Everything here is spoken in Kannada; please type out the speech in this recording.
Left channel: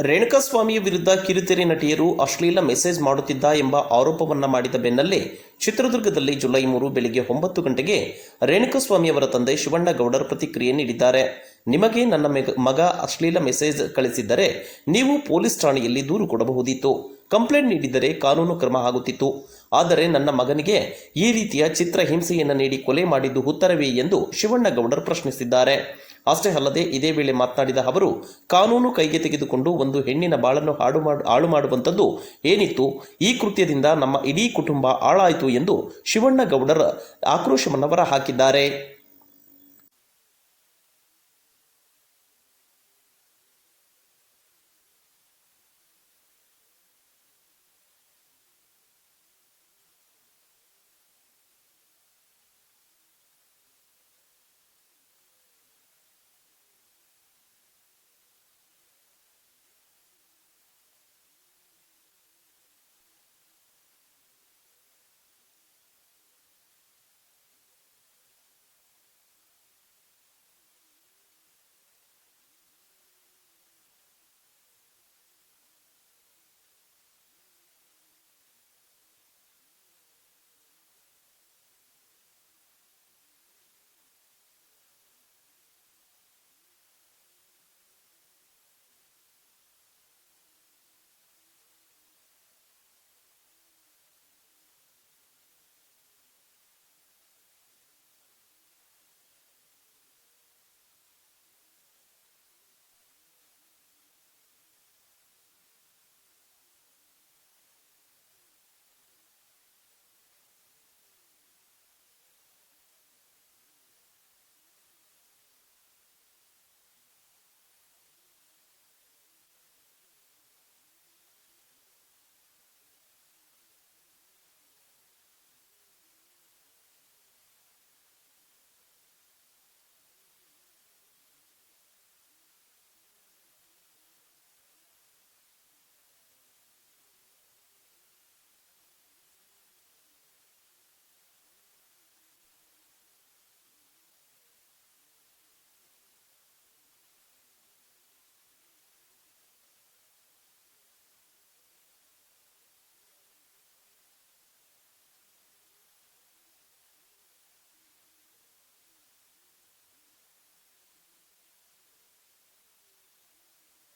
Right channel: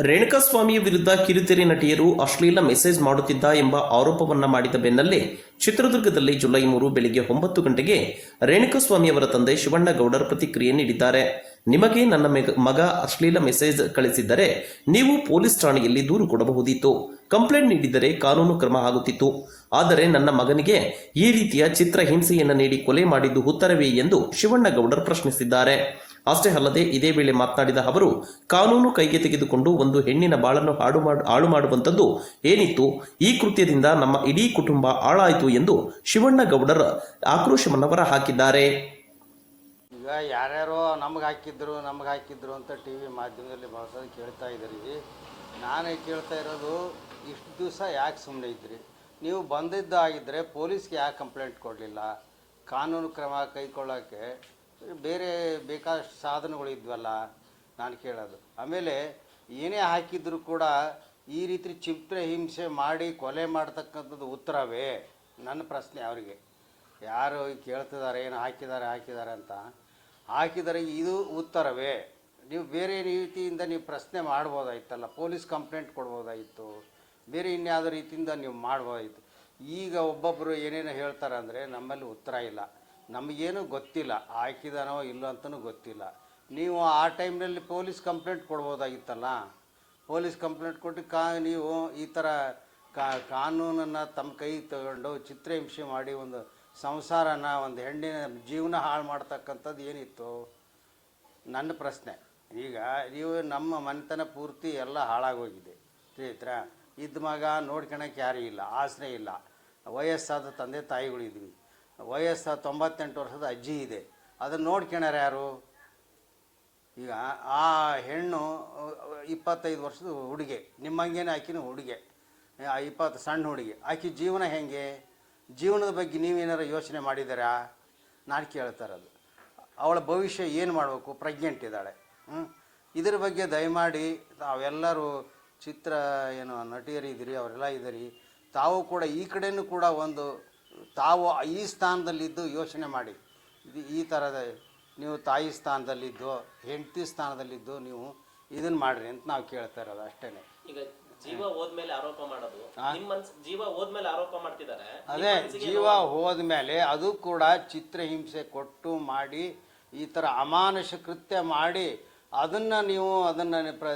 ರೇಣುಕಾಸ್ವಾಮಿಯ ವಿರುದ್ಧ ಕಿರುತೆರೆ ನಟಿಯರು ಅಶ್ಲೀಲ ಮೆಸೇಜ್ ಮಾಡುತ್ತಿದ್ದ ಎಂಬ ಆರೋಪವನ್ನ ಮಾಡಿದ ಬೆನ್ನಲ್ಲೇ ಚಿತ್ರದುರ್ಗದಲ್ಲಿ ಜುಲೈ ಮೂರು ಬೆಳಿಗ್ಗೆ ಒಂಬತ್ತು ಗಂಟೆಗೆ ರೇಣುಕಾಸ್ವಾಮಿ ಅವರ ತಂದೆ ಶಿವಣ್ಣ ಗೌಡರ್ ಪ್ರತಿಕ್ರಿಯೆ ನೀಡಿದ್ದಾರೆ. ನಿಮಗೆ ನನ್ನ ಮೆಗ- ಅಶ್ಲೀಲ ಮೆಸೇಜ್ ಕಳಿಸಿದ್ದರೆ ನೀವು ಪೊಲೀಸ್ ಠಾಣೆಯಲ್ಲಿ ದೂರು ಕೊಡಬಹುದಿತ್ತು. ಕಂಪ್ಲೇಂಟ್ ನೀಡಿದರೆ ಕಾನೂನು ಕ್ರಮ ಆಗುತ್ತಿತ್ತು. ಆದರೆ ನನ್ನ ಮಗನಿಗೆ ಈ ರೀತಿಯ ಚಿತ್ರ ಹಿಂಸೆಯನ್ನು ನೀಡಿ ಕೊಲೆ ಮಾಡಿದ್ದು ಉತ್ತರವೇ ಎಂದು ಶಿವಣ್ಣ ಗೌಡರ್ ಪ್ರಶ್ನಿಸಿದ್ದಾರೆ. ಅಷ್ಟೇ ಅಲ್ಲದೆ ಇದೇ ವೇಳೆ ಮಾತನಾಡಿದ ಅವರು, ಕಾನೂನು ಕೈಗೆ ತೆಗೆದುಕೊಂಡು ಒಂದು ಹೆಣ್ಣಿನ ಬಾಳನ್ನು ಹಾಡು ಮಾಡು, ಹಾಳು ಮಾಡುವಂಥದ್ದು ಏನಿತ್ತು? ಈ ಕೃತ್ಯದಿಂದ ನಮ್ಮ ಇಡೀ ಕುಟುಂಬ ಹಾಳಾಯಿತು ಎಂದು ಶಿವಣ್ಣ ಆಕ್ರೋಶವನ್ನು ಹೊರ ಹಾಕಿದ್ದಾರೆ. ಈಗ ಯಾರ್ಯಾರೋ ನಮ್ಗೆ ಹಾಕಿದ್ರು ನಮ್ಗೆ ಹಾಕಿದ್ರು ಅಂತ ಟಿ ವಿ ಮಾಧ್ಯಮದಲ್ಲಿ ಬಳಸೋದು ಕೇಳ್ತಾ ಇದ್ದೀರಿ ನಾನೇ ಕೇಳ್ತಾ ಇರೋದು, ಇಷ್ಟು ದಿವಸ ಯಾಕೆ ಸುಮ್ಮನೆ ಇದ್ರಿ? ನೀವು ಬಂದಿದ್ದಾಗಿದ್ದರೆ ಪೊಲೀಸ್ಗೆ ಯಾಕೆ ಕಂಪ್ಲೇಂಟ್ ಕೊಡಲಿಲ್ಲ? ಕಾನೂನು ಕ್ರಮ ಕೈಗೊಳ್ಳೋಕ್ಕೆ ಬೇರೆ ಬೇಕಾದಷ್ಟು ಸಾಧನಗಳು ಇದ್ವಲ್ಲ, ನಾನು ಕೇಳೋದು. ಆಮೇಲೆ ಏನೇ ಹಾಕಿದ್ರು ಕೂಡ ಈ ರೀತಿ ಚಿತ್ರ ಹಿಂಸೆ ಮಾಡಿ ಕೊಲೆ ಮಾಡ್ತಕ್ಕಂಥದ್ದು ಉತ್ತರವೇ ನನ್ನ ಪ್ರಶ್ನೆ ಅವರಿಗೆ. ಯಾರು ಕೇಳ್ತಿದ್ದಾರೆ, ಏನು ಹಾಕಿದ್ದಾರೆ ಹಾಕಿದ್ದಾರೆ ಅಂತ. ಹಾಕಿದರೆ ಇದು ಉತ್ತರವೇ. ನೀವು ಬೇರೆ ರೀತಿಯಿಂದ ನೀವು ಪ್ರಶ್ನೆ ಮಾಡ್ಬೋದಾಯ್ತಲ್ಲ, ಪೊಲೀಸ್ ಕಂಪ್ಲೇಂಟ್ ಕೊಡ್ಬೋದಾಯಿತು, ಬೇರೆ ಇನ್ಯಾವುದೋ ರೀತಿಯಿಂದ ನೀವು ಮಾಡ್ಬೋದಾಯಿತು. ಈಗ ಒಬ್ಬೊಬ್ಬರು ಏನೇನು ಹೇಳ್ತಾರೆ ಅಂದರೆ ನಮ್ಮಲ್ಲಿ ಉತ್ತರ ಇಲ್ಲ. ನಮಗೇನು ಗೊತ್ತಿಲ್ಲ ಹಾಕಿದಾನೋ ಇಲ್ಲೋ ಅಂತಲೂ ಗೊತ್ತಿಲ್ಲ. ನೀವು ಆ ಟೈಮ್ನಲ್ಲಿ ಪೊಲೀಸ್ ಕಂಪ್ಲೇಂಟ್ ಕೊಡ್ಬೋದಾಗಿತ್ತಲ್ಲ? ಪೊಲೀಸ್ ಕಂಪ್ಲೇಂಟ್ ಕೊಟ್ಟು ಕಾ, ನೀವು ಈ ಥರ ಕಾನೂನನ್ನು ತಮ್ಮ ಕೈ ತಗೊಂಡು ಚಿತ್ರಹಿಂಸೆ ಮಾಡಿ ಒಂದು ಸಂಸಾರನ, ಒಂದು ಹೆಣ್ಣಿನ ಜೀವನ ಹಾಳು ಮಾಡ್ತಕ್ಕಂಥದ್ದು ಏನಿತ್ತು? ನನ್ನ ಪ್ರಶ್ನೆ. ಈಗ ನೀವು ನಮ್ಮ ಮನೆತನ ಪೂರ್ತಿ ಎಲ್ಲ ಹಾಳಾಗೋಗಿದೆ. ಸ್ನೇಹಿತರ, ಇದ್ದ ಮಗ ನೋಡ್ಕೊಳಕ್ಕೆ ಯಾರೂ ಇಲ್ಲ ಆಸನೆ ಇಲ್ಲ. ವಯಸ್ಸಾದ ತಂದೆ ತಾಯಿಗಳಿದ್ವಿ. ವಯಸ್ಸಾದ ತೊಂಬತ್ತೆಂಟು ವರ್ಷದ ಅಜ್ಜಿ ಇದೆ. ಅದನ್ನು ನೋಡ್ಕೊಳ್ಯಾರ ಯಾರು? ಈಗ ಆ ಹೆಣ್ಣು, ಇಪ್ಪತ್ತೈದು ವರ್ಷದ ಹುಡುಗೆ, ನಿಮ್ಮಂಗೇನೆ ಆಕಿನೂ ಹುಡುಗೆ, ಆ ಇಪ್ಪತ್ತು, ಸಣ್ಣ ಹುಡುಗಿ. ಆಕೆ ಜೀವನ ಹೆಂಗೆ? ಜೀವನದ ಬಗ್ಗೆ ನೀವೇನಾರು ಯೋಚನೆ ಮಾಡಿದ್ದೀರಾ ನಾನು ಕೇಳ್ತಾರೆ ಅದು. ಅವಳ ಭವಿಷ್ಯ ಏನು ಮಾಡಬೇಕು? ಪ್ರೆಗ್ನೆಂಟ್ ಇದ್ದಾಳೆ. ಹ್ಞೂ ಇದ್ರ ಬಗ್ಗೆ ದಯಮಾಡಿ ತಾವೆಲ್ಲರೂ ಚಿತ್ರ, ಏನು, ನಟಿಯರಿದ್ದೀರಿ, ಅವರೆಲ್ಲ ಇದ್ದೀರಿ. ತಾವು ಕೂಡ ಈ ಕಡೆಯೂ ಕೂಡ ಒಂದು ತಾವು ಈ ಸ್ಥಾನದಲ್ಲಿದ್ದು ಯೋಚನೆ ಮಾಡಿ. ಇದು ಈ ಥರದ ನೀವು ತಾಯಿ ಸ್ಥಾನದಲ್ಲಿದ್ದು ಹೆಂಡತಿ ಸ್ಥಾನದಲ್ಲಿದ್ದು ನೀವು ಇದನ್ನ ಮಾಡ್ರಿ ಅಂತ ನಾವು ಕೇಳ್ತಾ ಇರೋದು ಅಷ್ಟೇ ಈಗ ಜೀವ ಹೋದ್ಮೇಲೆ ಆರೋಪ ಮಾಡೋದು ಜೀವ ಹೋದ್ಮೇಲೆ ಆರೋಪ ಮಾಡ್ತಿದ್ದಾರೆ ಅದೇ ಜೀವ ಹೋದ್ಮೇಲೆ ಅದು ಕೂಡ ಚಿತ್ರಹಿಂಸೆ ಕೊಟ್ಟು ಮಾಡಿ ಈ ಥರ ಅಮಾನುಷ ಕೃತ್ಯ ಮಾಡಿ ಅದನ್ನ ನೀವು ಅದನ್ನ ಪ್ರ